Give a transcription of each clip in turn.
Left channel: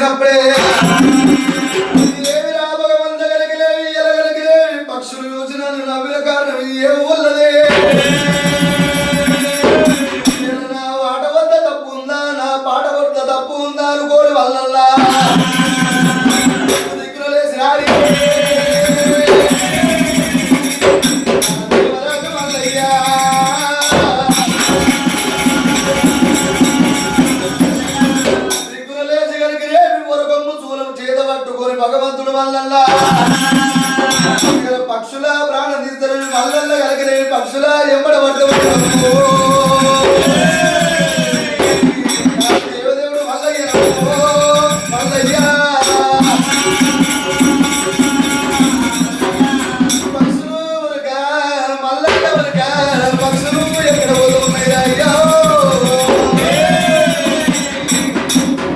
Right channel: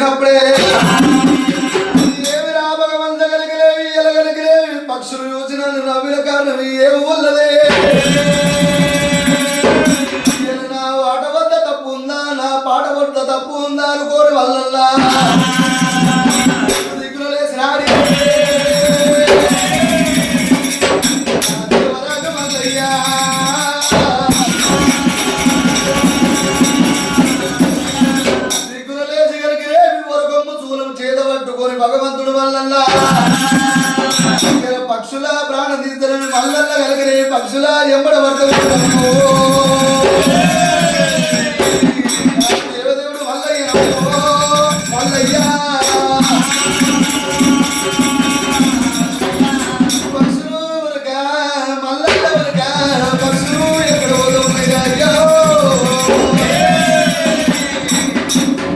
చూసినప్పుడే ఏమిరా భగవంత కలిగిలేవి ఎలగలిగిలేవి పక్షులు చూసిన నవ్విన కారణం ఏ ఊళ్ళదే నా ఆట వద్ద తప్పు ఉందా నా పాట వద్ద తప్పు ఉందా అనుకోని వల్లల్లా దిక్కులు లేసిన భగవంతుడు మల్లల్లా పక్షుల ప్రాణం తీస్తారు మల్లల్లా కలిగిన పక్షుల ఎంబడ దేవదేవుడు మల్లయ్య మల్లయ్య పక్షులు మల్లయ్య పక్షులు ఎక్కడ పోతున్నాయి అయ్యో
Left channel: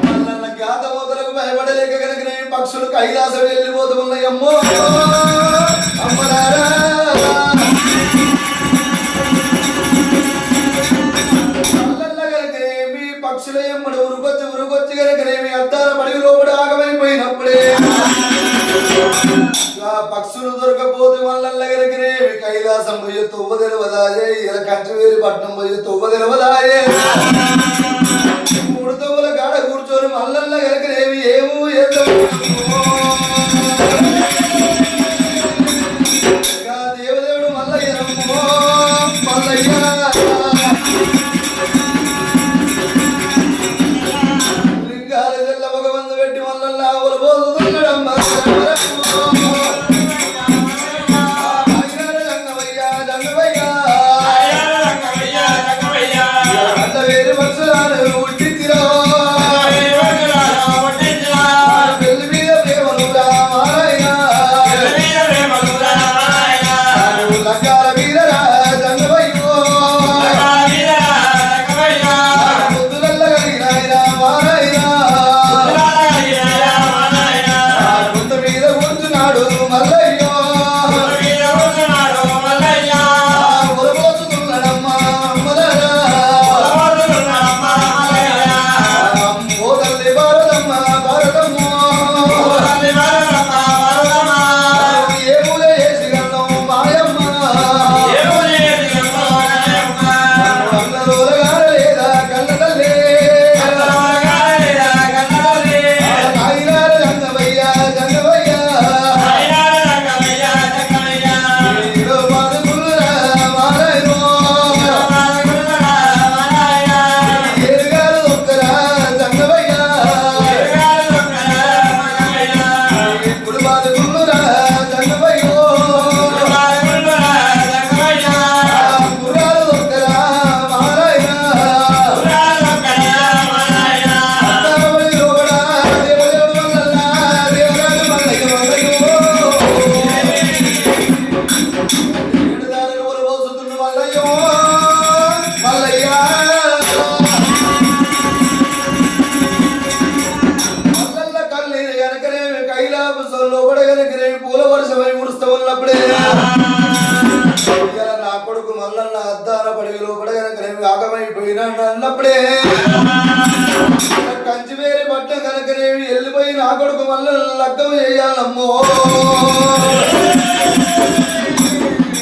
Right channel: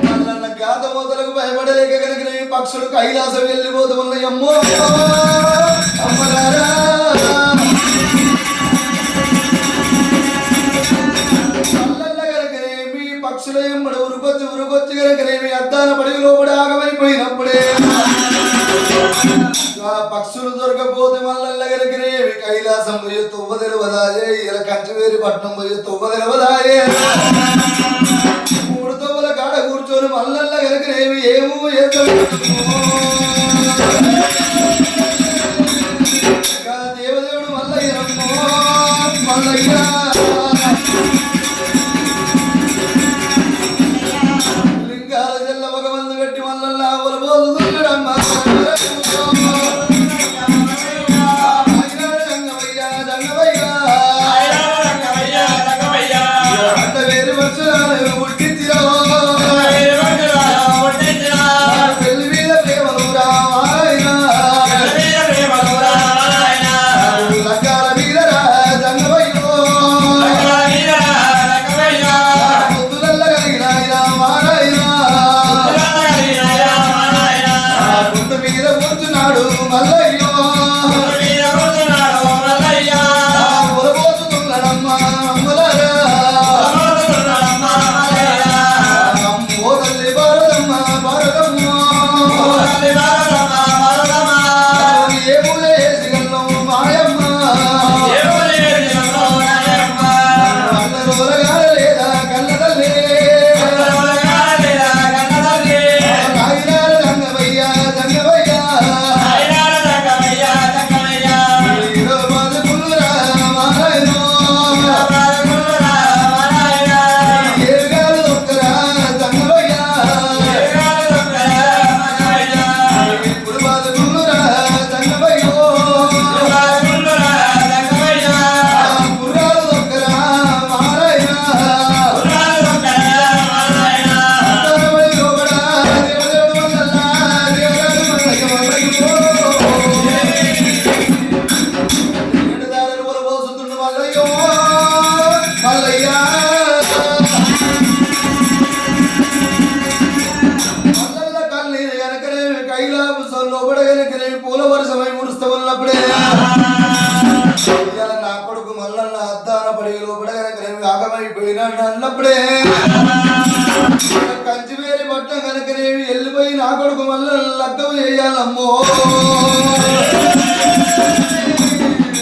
మల్లన్న గాత మొదలకు భయపడలేక కలిగిన పక్షులు కైలాసం వెళ్ళిపోతూ ఉన్నాయి అమ్మో అమ్మలారా కలకనేమి పక్షుల ఎమ్మడ ఉరుకొచ్చి కలకనేమి అద్దాల పడి లోపల ఆగమైపోయినప్పుడే ఆ పక్షులు దొరకపోతే మల్లల్ల కలకనేమి కైలాసం పోయే తువ్వ తెలవదాయే ఇలా కంచవేరి పట్నం పోయే తువ్వ తెలవదాయే మూడు తవ్వల కాడ కూర్చొని మల్లల్ల కలకనేమి ఏమో దేవదేవుడు మల్లయ్య మల్లయ్య లింగాల జల్ల భగవంతు పెట్టి మల్లల్లా ఒలబోదురమ్మ వేరు పక్షులను ఉట్టించిరో పూల వర్షమై ముడుస్తూ ఉన్నప్పుడే నా కొడుకు మల్లన్న అద్దాన పడి లోపడగనకనేమి ఆగమైపోయినాడు అన్నప్పుడే కంచి వేరే పట్టం కనుకనేమి వెళ్ళిపోయి నా కొడుకు మల్లన్న లగ్గం చేయాలమ్మో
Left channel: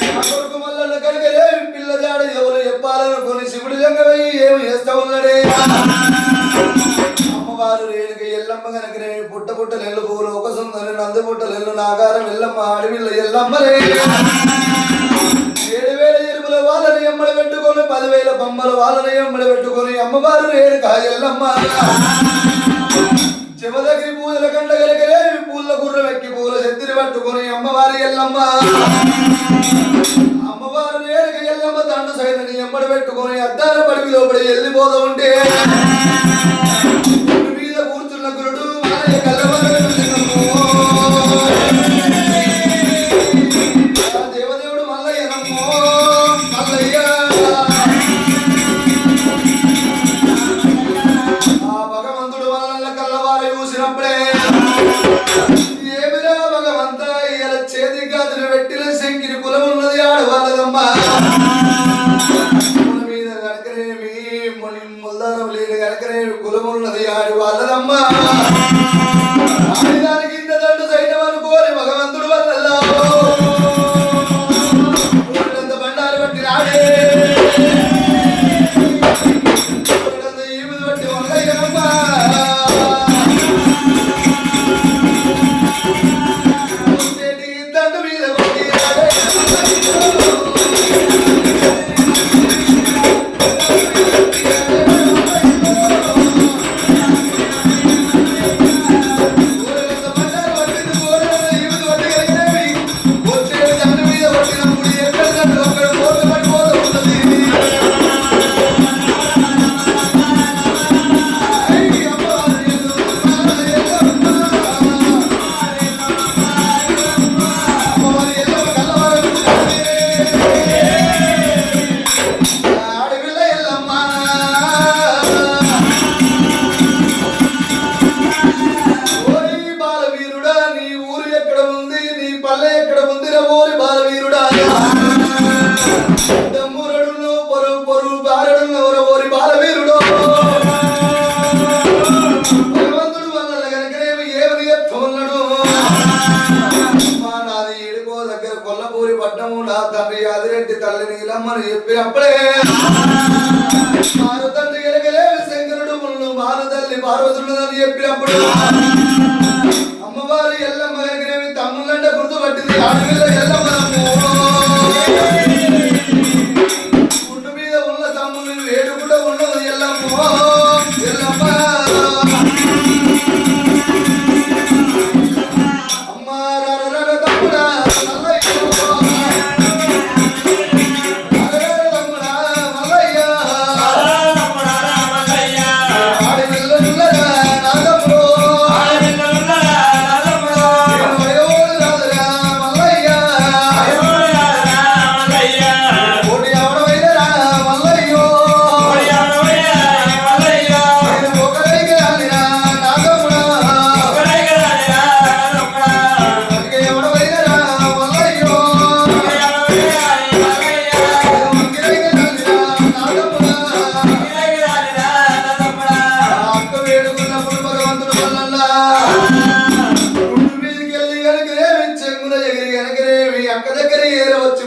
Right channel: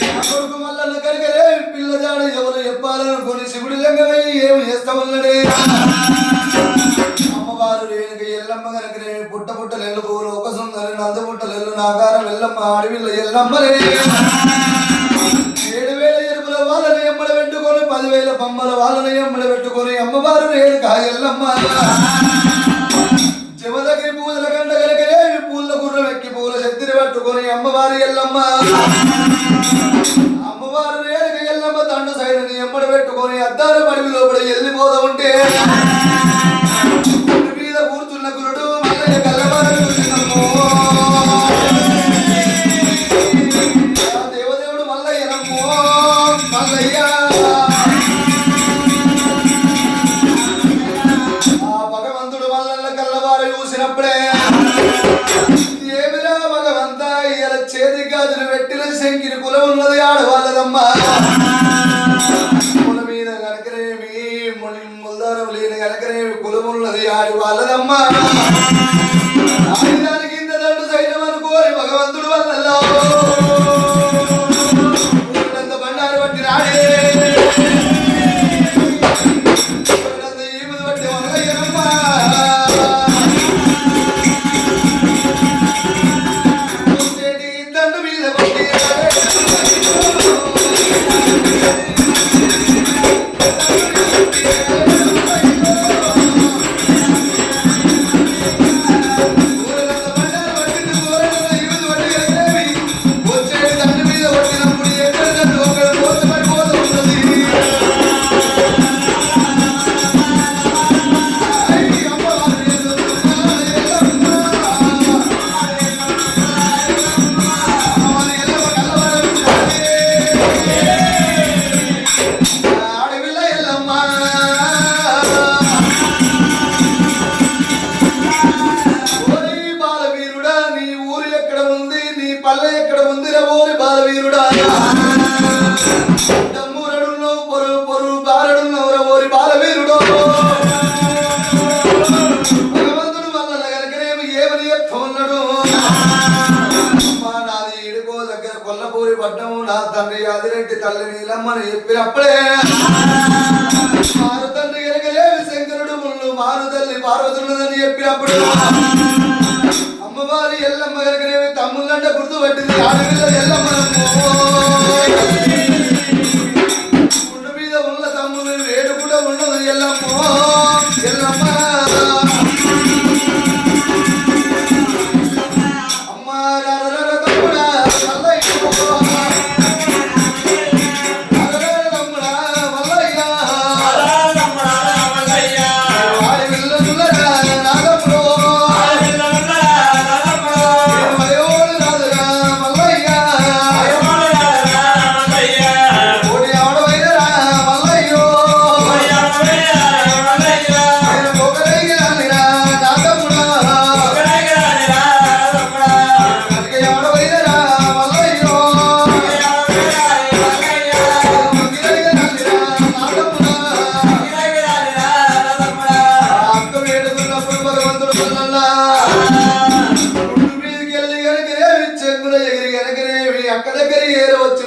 నా కొడుకు మల్లన్న కనుకనేమి పిల్లదాడు ఎవరు చెప్పాలనుకొని శివుడు జంగమై ఏమి చేస్తా ఉన్నాడే అమ్మవారు రేణుక ఎల్లమ్మ కనుకనేమి పుట్ట పుట్టలు ఎల్లు పువ్వులు ఒక సుందరి నందు పుట్టలు ఎల్లు నాగారం ఎల్లమ్మ అడవిల్ల ఎల్లమ్మలే 7,000 ఎరుపుల వాళ్ళని ఎమ్మడ పెట్టుకొని 10,000 బొమ్మల వాళ్ళని ఎమ్మడ పెట్టుకొని అమ్మవారు రేణుక ఎల్లమ్మ జమదగిరి పూజల కంట కనుకనేమి పూల గుర్రం ఎక్కి పూల చెత్తిని పట్టుకొని అమ్మవారి ఎల్లమ్మ అమ్మవారు రేణుక ఎల్లమ్మ దండ సైని ఎమ్మడ పెట్టుకొని అద్దాల పడివి లోపల వెళ్ళిపోతా ఉంటే కూర్చున్న గురుడు దేవదేవుడు మల్లయ్య మల్లయ్య ఆ భగవంతుడు మల్లన్న కల్లవారు చూసినప్పుడే ఏమిరా భగవంత ఇలా చేతి గాజులు పెట్టిన శంకిని కులం ఉన్నది ఆడవాళ్ళదమ్మా కుల మీద కనుకనేమి ముల్దారం లేని కనుకనేమి కులమున్నది ఆడవాళ్ళదమ్మా దానికి ఇంత దండు సైన్యం అనుకోని భగవంతుడు వల్ల బండారు బట్టి రాడే తల్లి నీలమ్మని చెప్పినప్పుడే మారు తండ్రి ఎరగలేవి శంకరుడు ముళ్ళు మారు తల్లి పార్వతులని చెప్పినప్పుడు అమ్మవారి ఎల్లమ్మ ఎరగలేవి తమ్ముళ్ళంటే గుర్తుపట్టింది ఆడపిల్ల ఎల్లమ్మ గుండు మీద ఉన్న తమ్ముని వేడు కూడా ఉండదు ఎల్లమ్మ ఎల్లమ్మ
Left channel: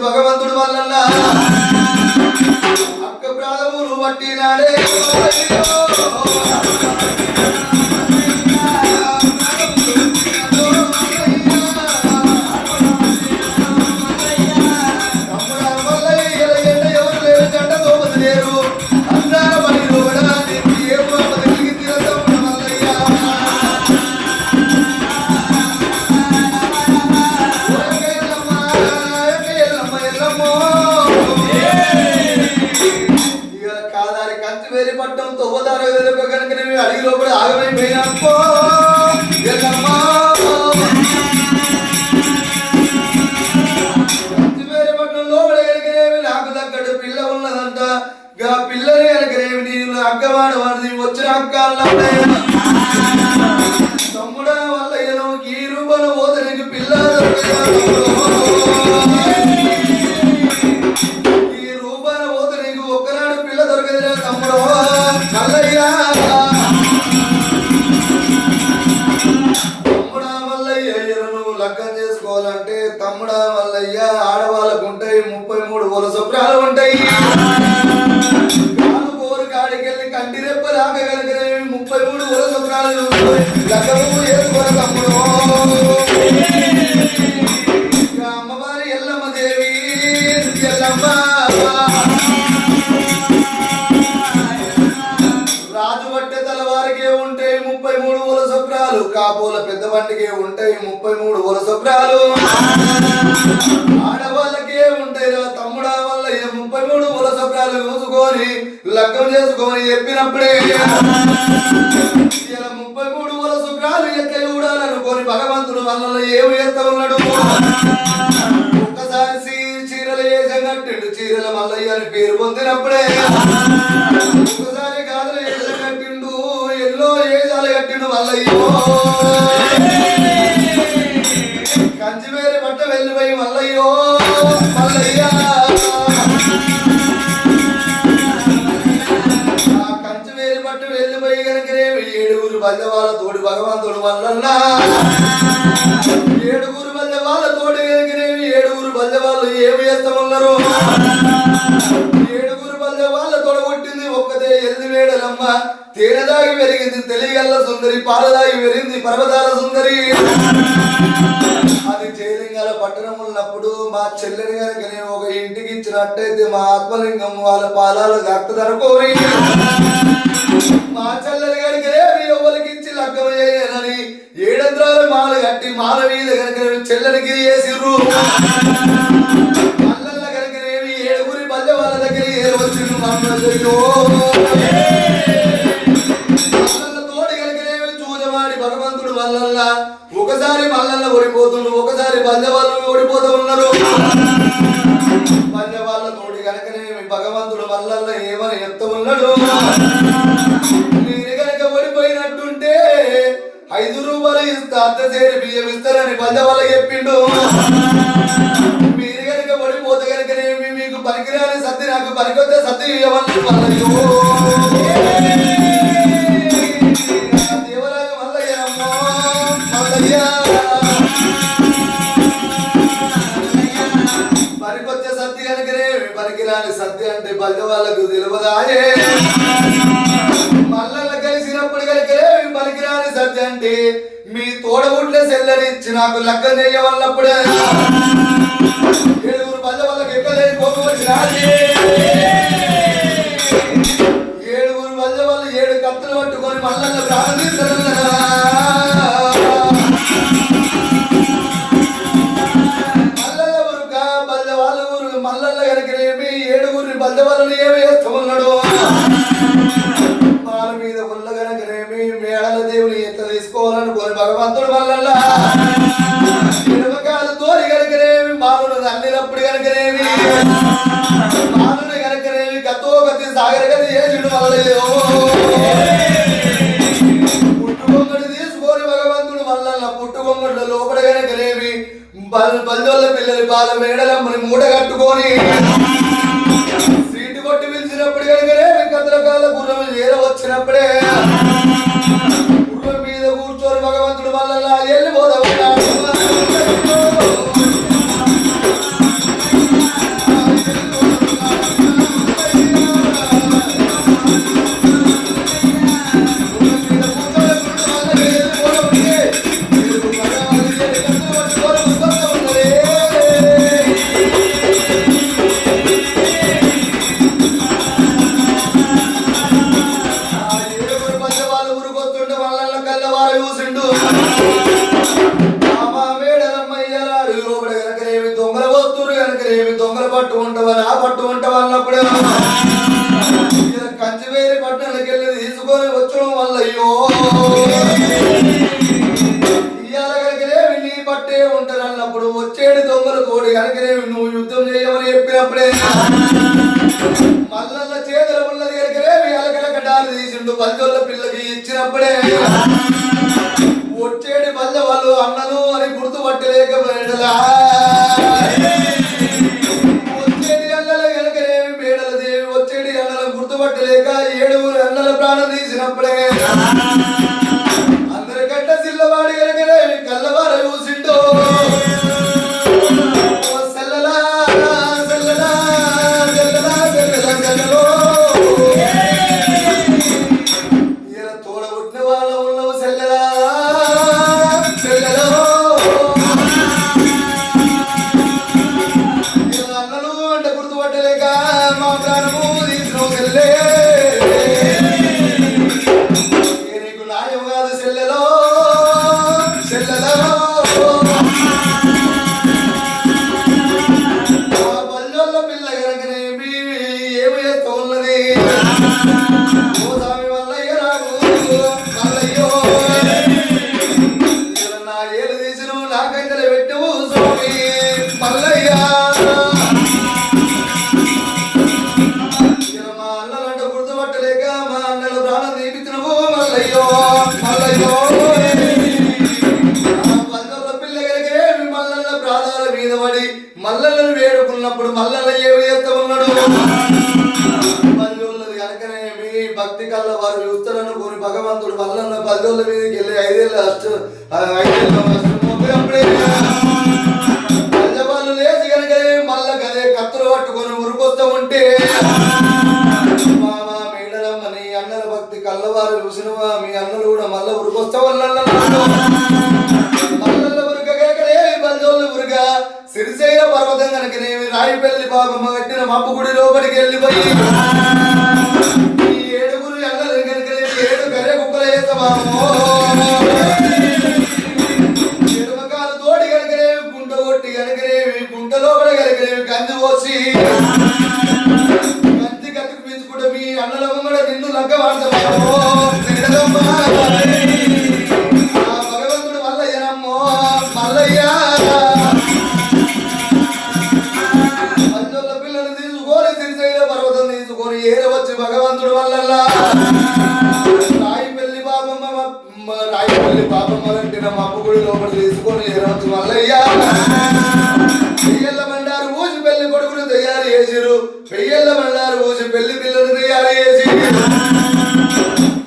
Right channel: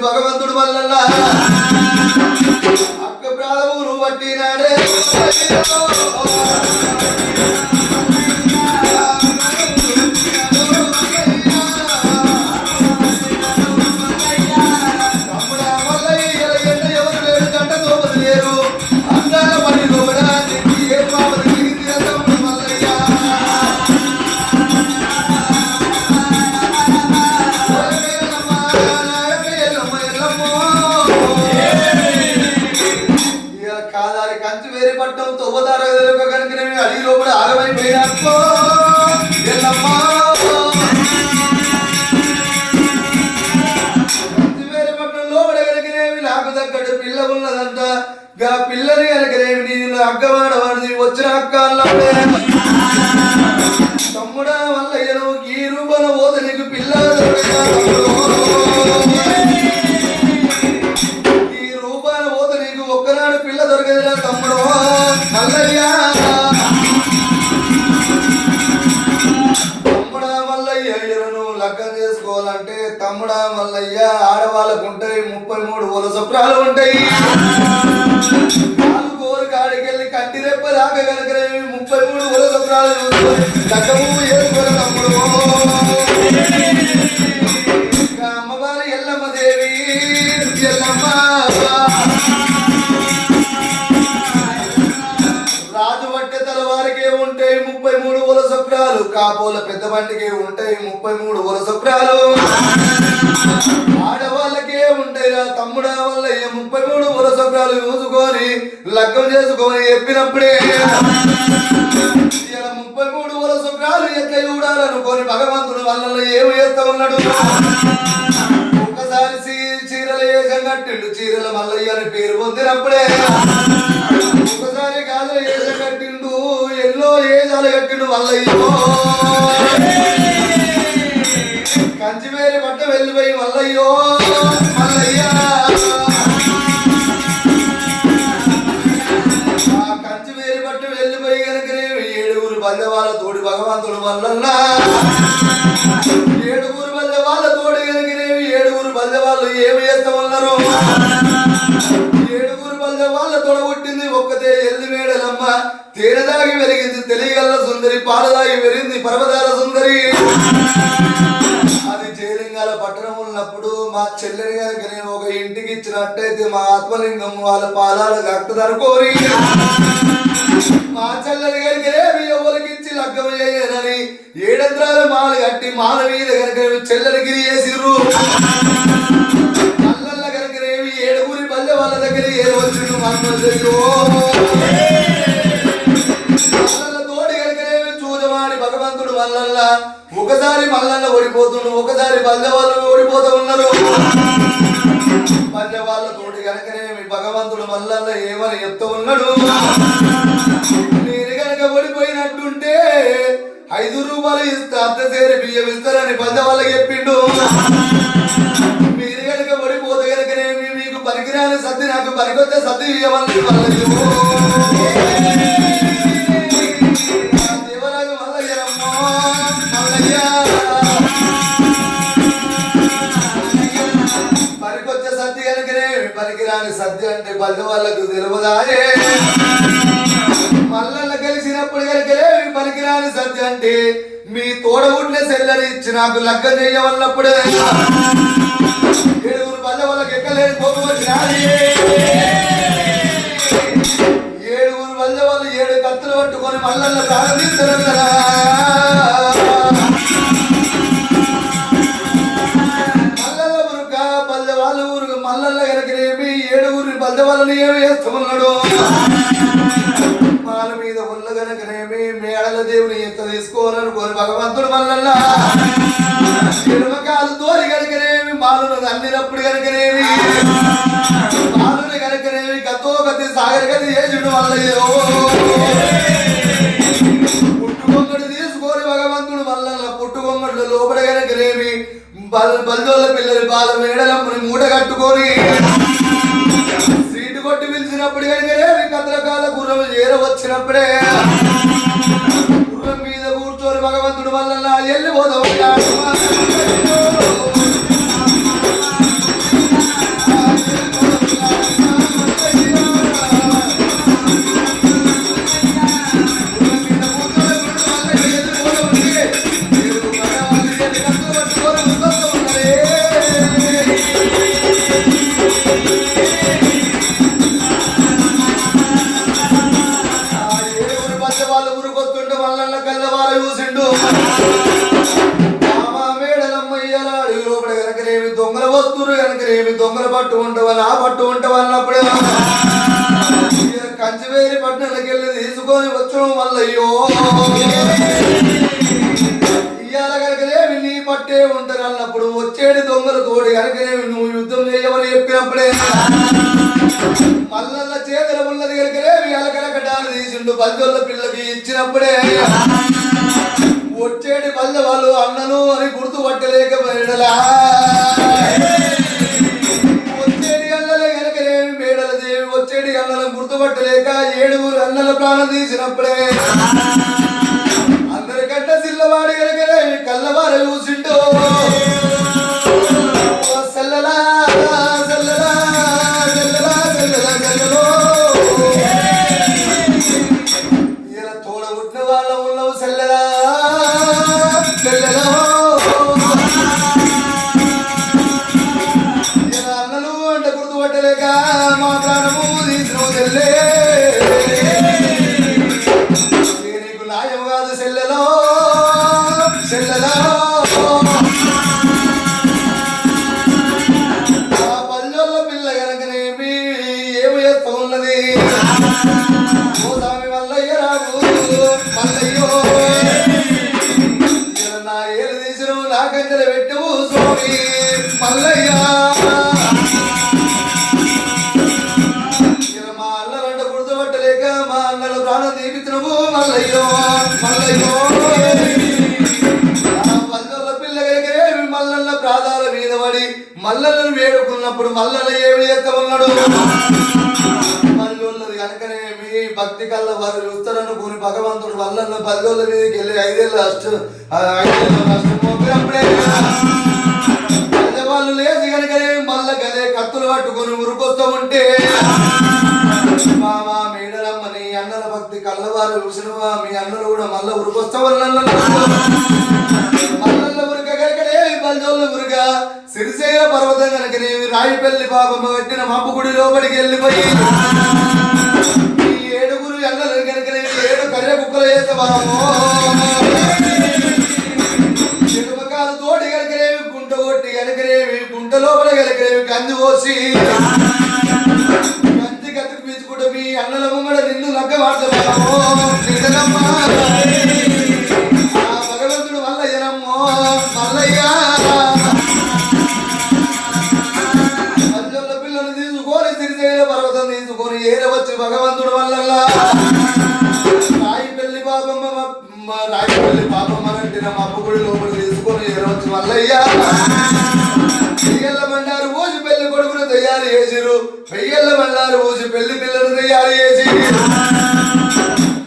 భగవంతుడు వల్ల అక్క ప్రాణములు పట్టినాడే పిల్లని కనుకనేమి అక్కవాడవాడిది వచ్చిన అక్క తమ్ముడా వల్ల ఈ రూపంలో పోతే నీకు పిల్లలు ఈ రూపాన పోతే నీకు ఒక్కనాడు పిల్ల దొరకదురా తమ్ముడు మల్లయ్య తమ్ముడా మల్లయ్య నువ్వు లగ్గం చేసుకోవాలంటే తమ్ముడా మల్లయ్య ఆడవాళ్ళకు ఉంటాయి 33 వలస ప్రాలు ఉంటాయి కాడికెళ్ళి కంటి రెప్ప దాకా కనుక 33 వలస ప్రాలు అమ్మవారి ఎల్లమ్మ దేవి ఎల్లమ్మ రాజు పట్టే తలవారికే ఉంటాయి 33 వలస ప్రాలు కాపోల పెద్ద బండికే ఉంటాయి 33 వలస ప్రాలు ఆడవాళ్ళకే ఉంటాయిరా తమ్ముడా వల్ల 33 వలస ప్రాలు చూసుకొని లగ్గం చేసుకొని చెప్పినప్పుడే 33 వలస ప్రాలు ఎక్క చూడాలనుకొని భగవంతుడు వల్ల ఏమి చేస్తా ఉన్నాడు ఒకసారి చీరలు ఏజం కట్టిండు చీరల మల్లయ్య అని పేరు పొందినప్పుడే ఒకసారి గాజులు ఏజం కట్టిండు ఎన్నో ఏజాలు కట్టిండు మల్లయ్యో కంచి వేరే పట్ట వెళ్ళిపోయి మల్లయ్యో మల్లయ్య కంచి వేరే పట్ట వెళ్ళిపోయి కనుక 7 బల్లెవాళ్ళ తోడి భగవంతుడు మల్లన్న ఏడుగురు బల్లెవాళ్ళ తోడి ఎరిగినేవి ఏడుగురు బల్లెవాళ్ళు ఏమి చేస్తామన్నారు ఏడుగురు బల్లెవాళ్ళ తోడగొట్టింది ఒక్కతే ఎల్లి వేడలమ్మ తేనెదాగి పెరిగింది తెలియగల్ల సుందరి పాలదాగి పెరిగింది పర్వతాల సుందరి అది జయలింగాల పట్టణం ఉన్నప్పుడు మా చెల్లెని కనుక నేను ఒక ఇంటికి ఇచ్చినట్టయితే మా ఆత్మలింగం వాళ్ళ పాదాల గక్కుదర కోరి మా చెల్లెని కనుక ఎవరికి ఇచ్చి లగ్గం చేయనని ఏడంత్రాల మాల కట్టి మాల మీద కనుక చెల్లెని గిరి చేసిర్రు మల్లల్ల కనుక ఏడుగురి పల్లె వాళ్ళ దగ్గర ఏ వచ్చిండు తోటి కనుక చూడవాడి భగవంతుడు మల్లల్ల ఒకసారి మల్లన్న ఓడిపోతుండు ఒకసారి బల్లె వాళ్ళు ఓడిపోతూ ఉన్నారు బల్లె వాళ్ళ తోటి కనుకనేమి భగవంతుడు మల్లన్న ఏమని చెప్తూ ఉన్నాడు నేను కనుక ఓడిపోయినట్టుంటే 5 రూపాయలు ఇస్తా అత్త చేరి బియ్యం ఇస్తారని బల్లె వాళ్ళకి చెప్పిండు మీరు కనుక ఓడిపోతే కనుకనేమి మీకు పనికిరాని సత్తి నాకు పనికొచ్చే సత్తి ఇవ్వమని దేవరాజు మల్లయ్య మల్లయ్య పనికొచ్చే సత్తి కనుకనే పనికిరాని సత్తి అంటే బల్లె వాళ్ళకు తెలియదాయే మల్లన్న కలిసినప్పుడు కనుకనే పనికిరాని సత్తి అంటే మీ తోడగుడ్ల సెల్లరి ఇచ్చి నాకు లగ్గం చేయవన్నప్పుడే ఏడుగురు బల్లె వాళ్ళకి ఎక్కలేని కోపం వచ్చినది ఏడుగురు బల్లె వాళ్ళు 7 కత్తులు పట్టుకొని మల్లన్న ప్రారంభించడం మల్లల్ల కనుకనేమి ఏడుగురిని బల్లె వాళ్ళని ఏమి చేస్తామన్నాడు వాళ్ళ మీద ఉల్ల కనుకనేమి మేడల దేవుని ఎత్త తీసుకోవాలనుకోని భగవంతుడు మల్లల్ల ఎడమకాలు తోరి కనుకనేమి బాలును అల్లినప్పుడు కనుకనేమి బాలుని కనుకనేమి గతో గతి సాగర గతి చేసిండు మల్లయ్య పుట్టుకొంగడు తీసుకొని భగవంతుడు మల్లల్ల పుట్టుకొంగడు లోపల కనుకనేమి బల్లెల పిల్లలు బాల మేడలమ్మని మూట కట్టుకొని సీటు కొట్టి పిలిచినప్పుడు కనుకనే కత్రకాల గుర్రం చేరవచ్చినప్పుడే గుర్రం మీద కూర్చొని భగవంతుడు మల్లన్న వెళ్ళిపోతా ఉన్నాడు దొంగల పట్టు ఉంటావని ఆ పట్టు ఉంటావు అన్నప్పుడే కంచివేరి పట్టణానికి వెళ్ళి తీసుకొని వచ్చడం వల్ల ఇవాళ కనుకనేవి నీ పట్టే ఉంటారు అన్నప్పుడు వచ్చేది దొంగల తోడి కనుకనేవి నువ్వు యుద్ధం చేయమని చెప్పినప్పుడే మల్లన్న చేతుల ఉన్నది కనుకనేవి అలకలకటాలు తీసిండు బల్లెల పిల్లకి ఇచ్చినప్పుడే వచ్చేటి బల్లె వాళ్ళు అన్నను అని గుర్తుపట్టలేకపోయినలా వచ్చేటి అన్నలను గుర్తుపట్టలేక ఏడుగురు అన్నల ప్రాణం తీసినప్పుడే అందరికంటే సిల్లవాడి కనుకనే కళ్ళవార చూసిండో సెల్లలా సెల్లలా సెల్లలా సెల్లలా సెల్లలో ఈయన తోడబుట్టిన వాళ్ళ ఉన్నవు సెల్లలా సెల్లలో ఈయన అన్నలు అంటే గుర్తుపట్టలేక మా ప్రాణము తీసిన సెల్లే నీకు నాయం కాదు సెల్లలో సెల్లలో ఆ పల్లెల పిల్ల కనుకనేమి ఏమి చేస్తా ఉన్నది ఓ స్వామి మల్లయ్య రావు మల్లయ్యో నా ఏలు తీసిన నా కంచెలు పెట్టవు స్వామి మల్లయ్య మా అన్నలంటే గుర్తుపట్టలేక మా అన్నలు ప్రాణం తీపిస్తున్నావు మల్లయ్యో మల్లయ్యో పల్లెల పిల్ల కనుకనేమి మల్లన్న ప్రాధాల మీద పడి మల్లలను వేడుకున్నప్పుడు మల్లన్న ఏమి చేస్తా ఉన్నాడు మళ్ళీ ఉన్నది కనుకనేమి భక్తి కళ్ళ వారు చూస్తారనుకోని భగవంతుడు భగవంతుడు వల్ల 10 రోజుల మీదకి వెళ్ళి 5 ఏళ్ళ వాళ్ళు లేచి కనుక మళ్ళా గదే కత్తులు పట్టుకొని మురుకొస్తా ఉంటే మా మేడలమ్మని అన్నల భక్తి కళ్ళవారు చూసినవా మీ అన్నలు కూడా మళ్ళా ఉరికొస్తా వల్ల మల్లల్ల ఉరకగలకనేవి 10 రోజులు ఉరక సిరిశైల పర్వతం కనుకనేవి రాయిపల్లి పాపమ్మ కట్టిన మప్పు గుడి లోపలికి వెళ్ళిపోయి ఈ 7 అన్నలు కనుకనేవి 7 కర్రె కుక్కలు చేస్తామో ఎడుమకాలు తోడి కనుకనేవి గుంట కొట్టి కనుకనేవి గుంట లోపల కనుకనేవి కంది పోసి కంది కత్తికి పీచుకుంటే మీ అన్నలమ్మ కూడా నిన్ను లగ్గ వాడతామో భగవంతుడు మల్లయ్యనమ్మో మల్లయ్య పంచోళ్ళ పిల్లని తీసుకొని సిరిశైల పర్వతం తీసుకొని ఏరవచ్చు భగవంతుడు వల్ల రాయిపల్లి పాపమ్మ కట్టిన మప్పు గుడి లోపల తీసుకొని ఏరవచ్చు మల్లయ్య పెయ్యల్ల బండారు ఊసి పెళ్లి కొడుకును తయారు చేసిరు పెయ్యల్ల బండారు ఊసి పెళ్లి పిల్లను తయారు చేసి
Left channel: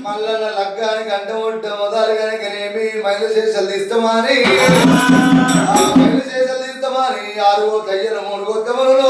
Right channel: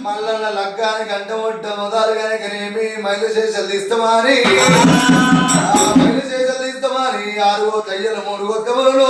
మల్లన్న లగ్గానికి అంటముట్ట మొదలు కనుకనేమి మైలు శేషాలు తీస్తామని ఆ మైలు శేషాలు తీస్తామని 6 తయ్యలు 3 ఒక్కములను